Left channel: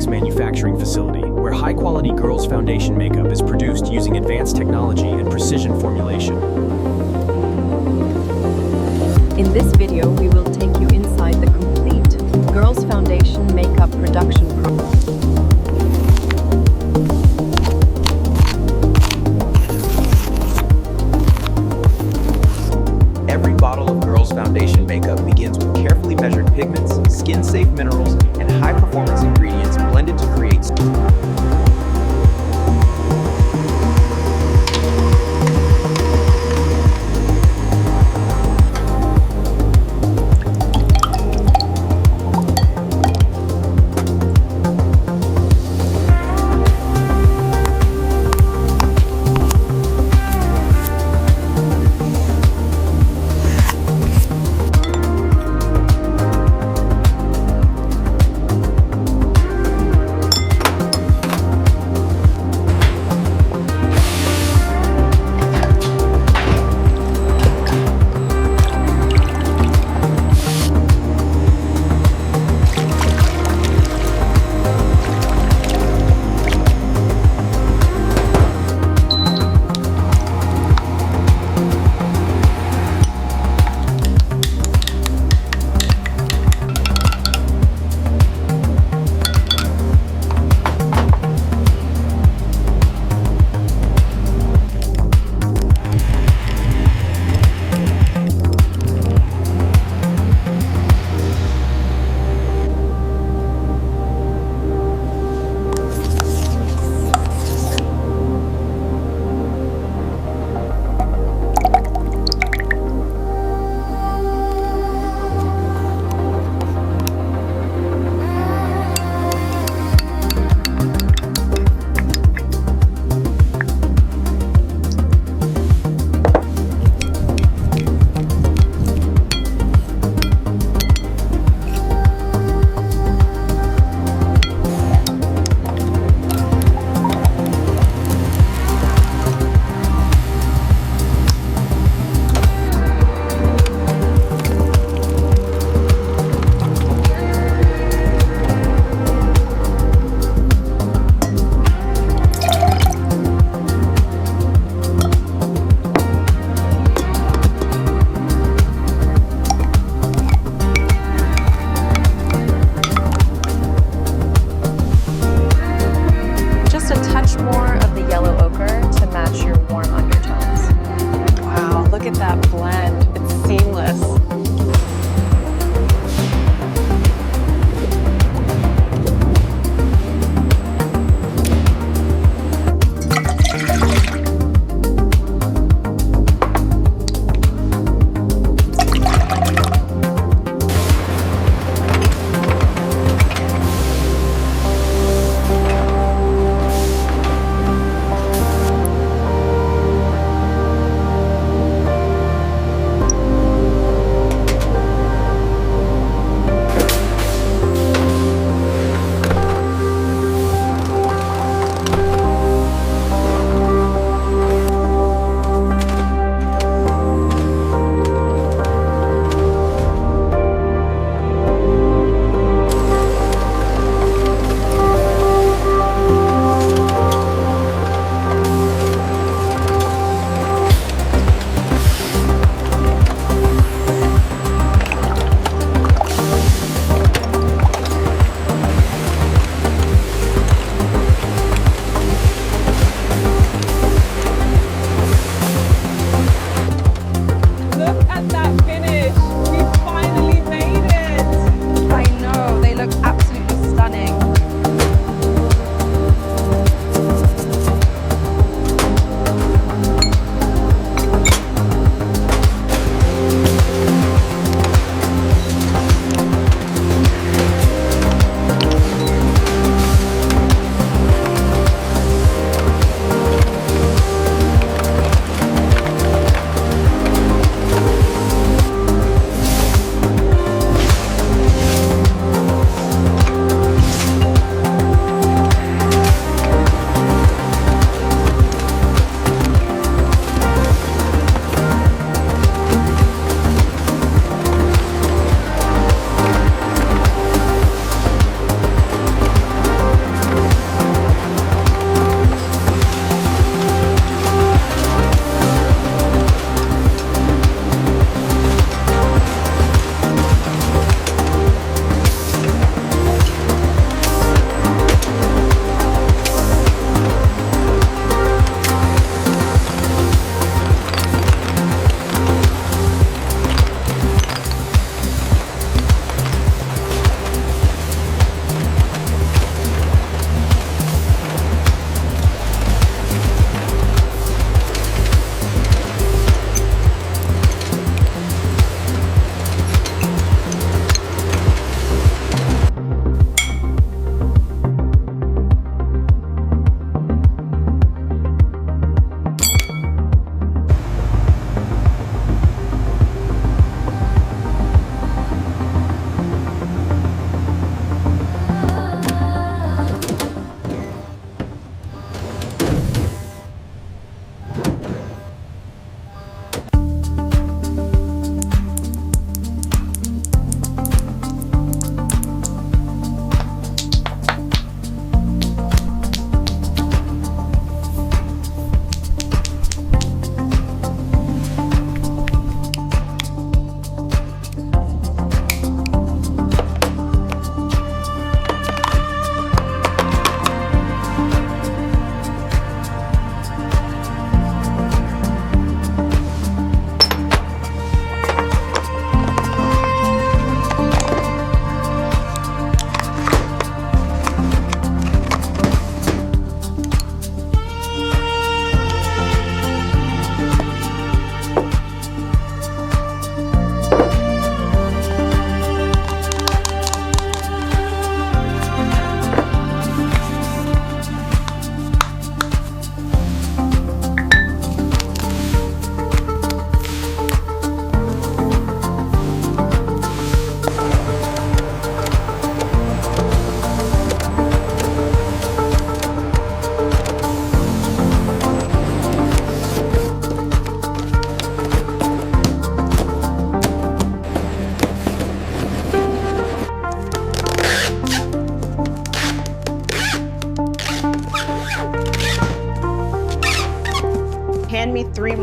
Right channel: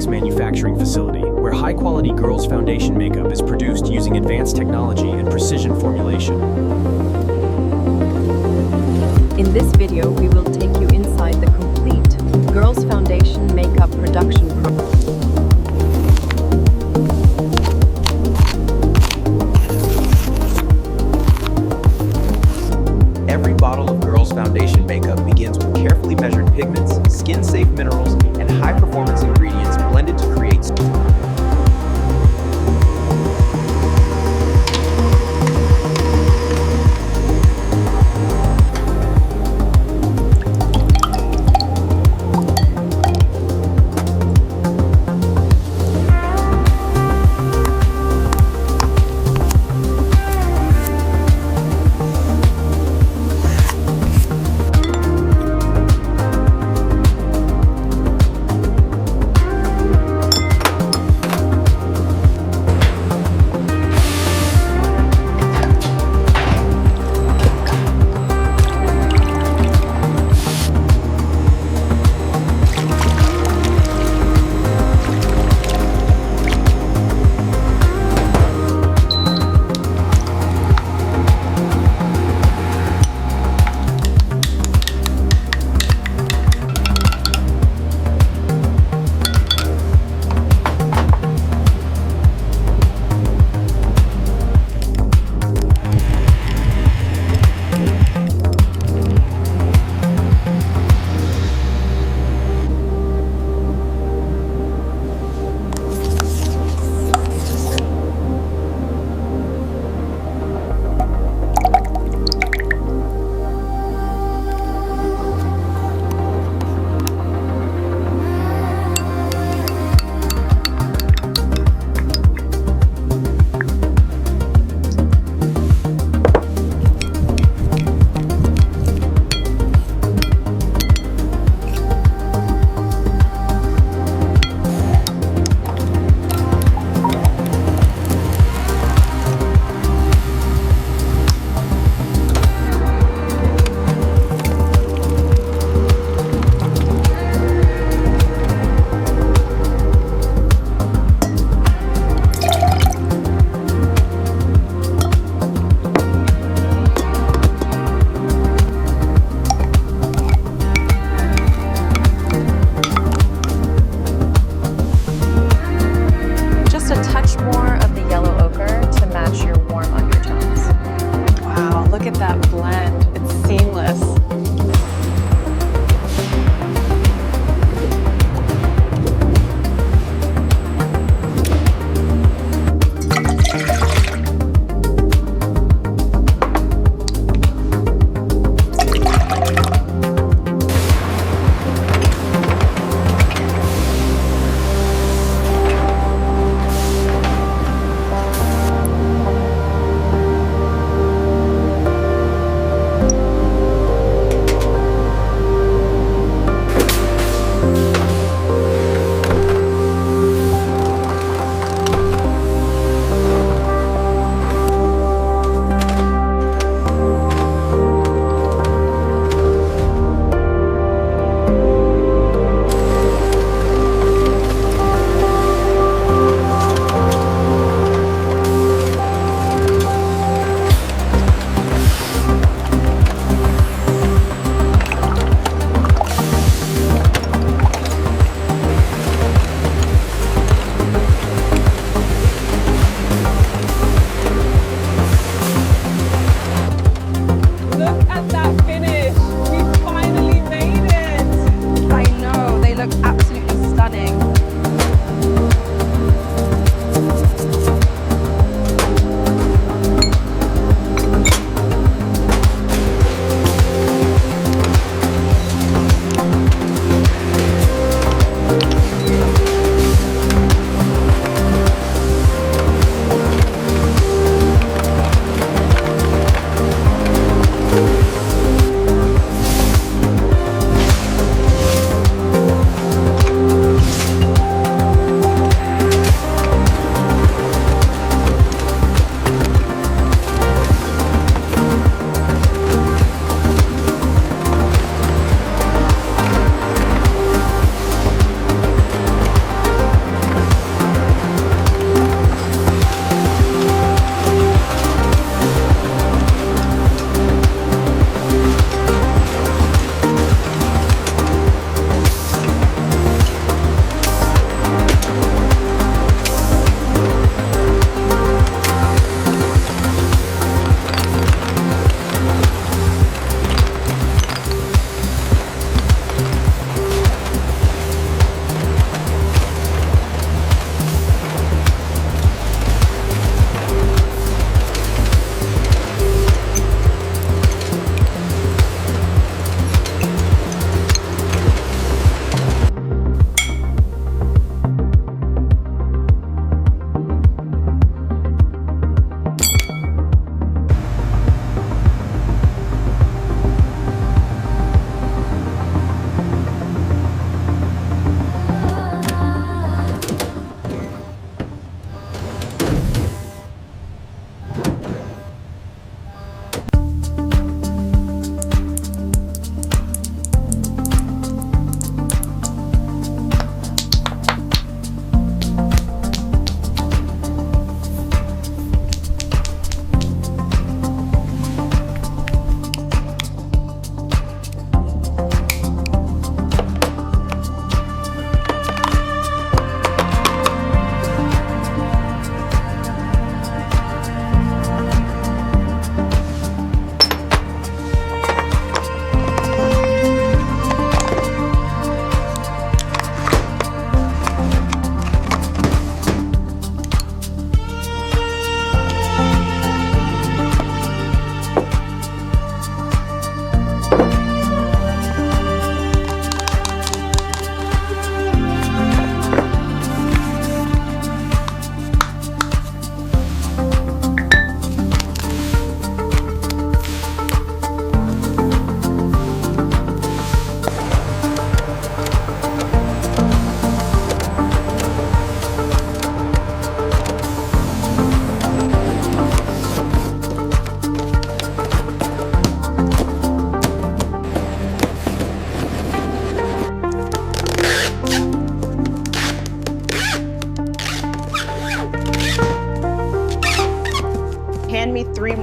Cosmetics manufacturing facility, where high-quality girls' foundation makeup is produced using advanced technology and precision formulation. In this video, we will take you inside the complete girls' foundation makeup production process. Every bottle of girls' foundation makeup begins with carefully measured pigments, skin-safe minerals, and high-performance ingredients blended to create Just a touch more of the yellow ochre to match your warm undertones. Wow, look at that blend. It's seamless.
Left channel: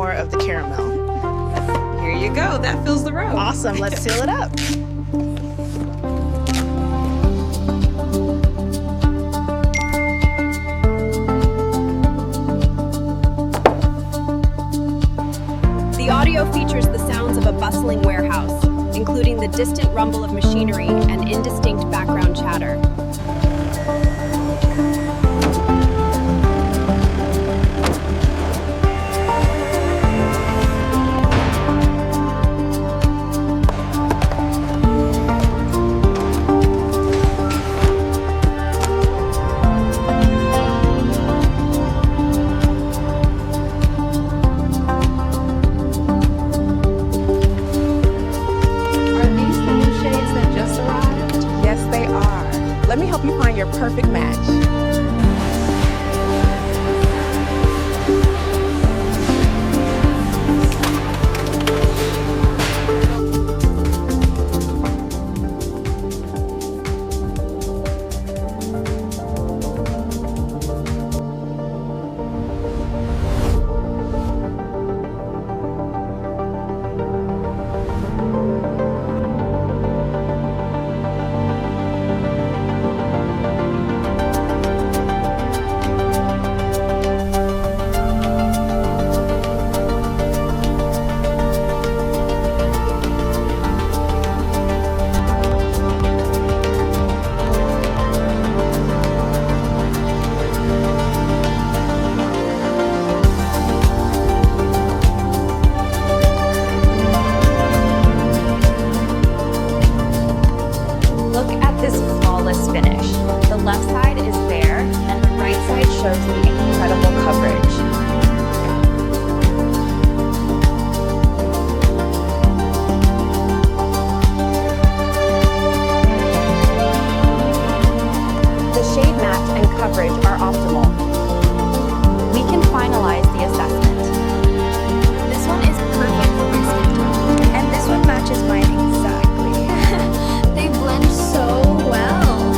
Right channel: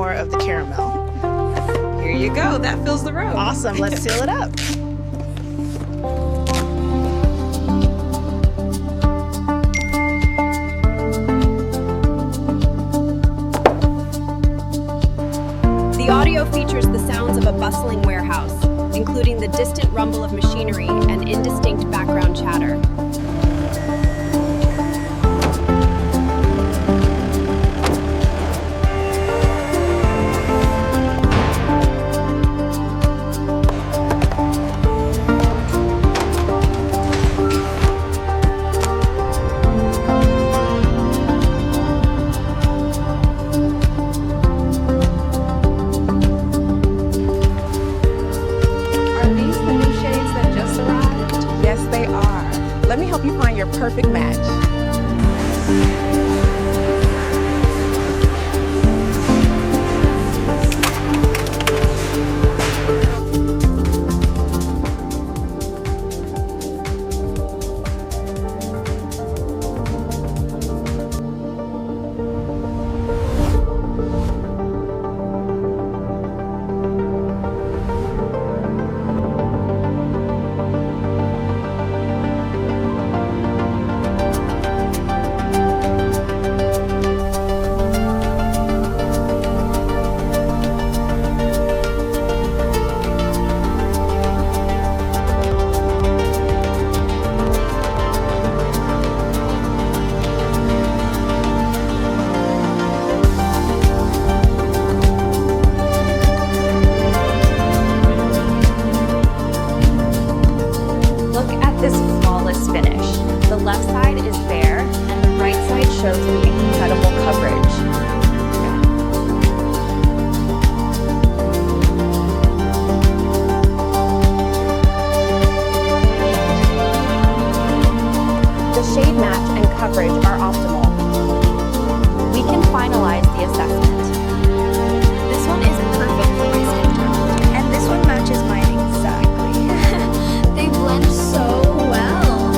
more of the caramel. Here you go. That fills the row. Awesome, let's seal it up. The audio features the sounds of a bustling warehouse, including the distant rumble of machinery and indistinct background chatter. Just arrived? Yes, they are. Let me help you find your perfect match. Look at this flawless finish. The left side is bare and the right side shows the incredible coverage. The shade match and coverage are optimal. We can finalize the assessment. This one is perfect for my skin tone. And this one matches mine exactly. They blend so well.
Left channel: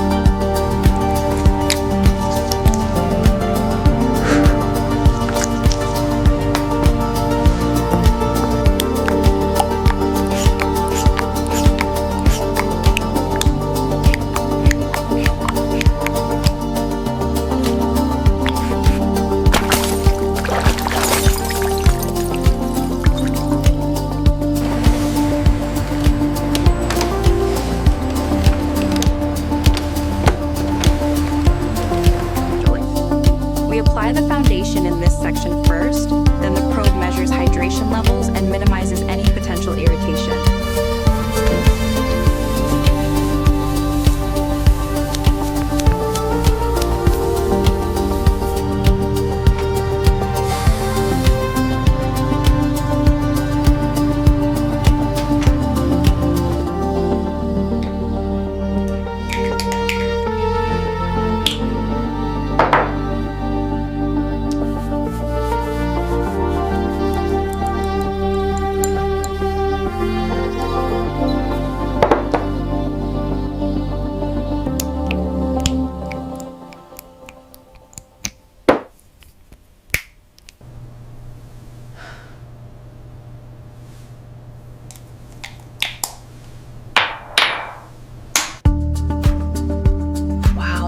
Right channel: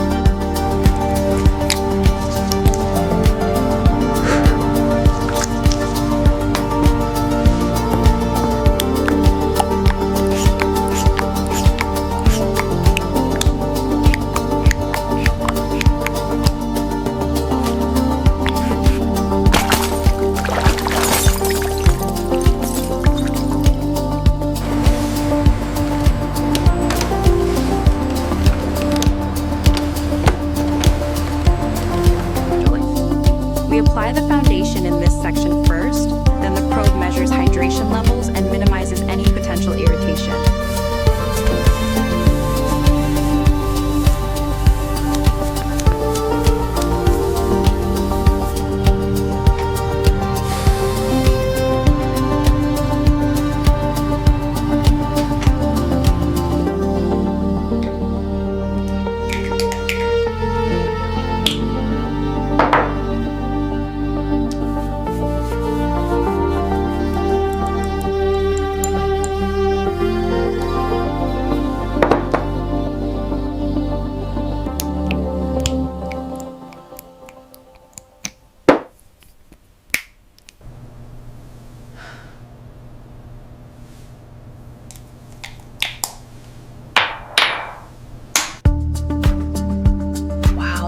We apply the foundation in this section first, then the probe measures hydration levels and minimizes any potential irritation.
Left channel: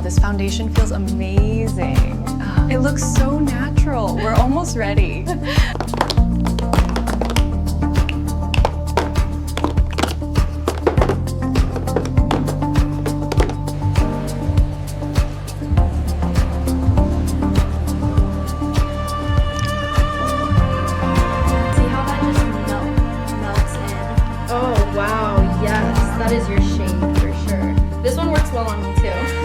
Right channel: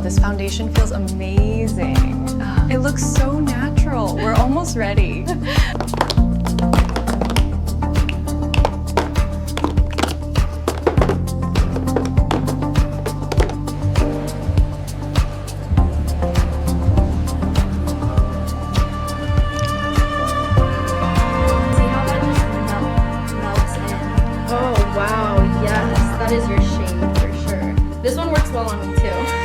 This foundation feels amazing. It looks so natural. We're almost ready. See how that just melts in? Oh wow, yes, that is your shade for sure. This one works well on me too.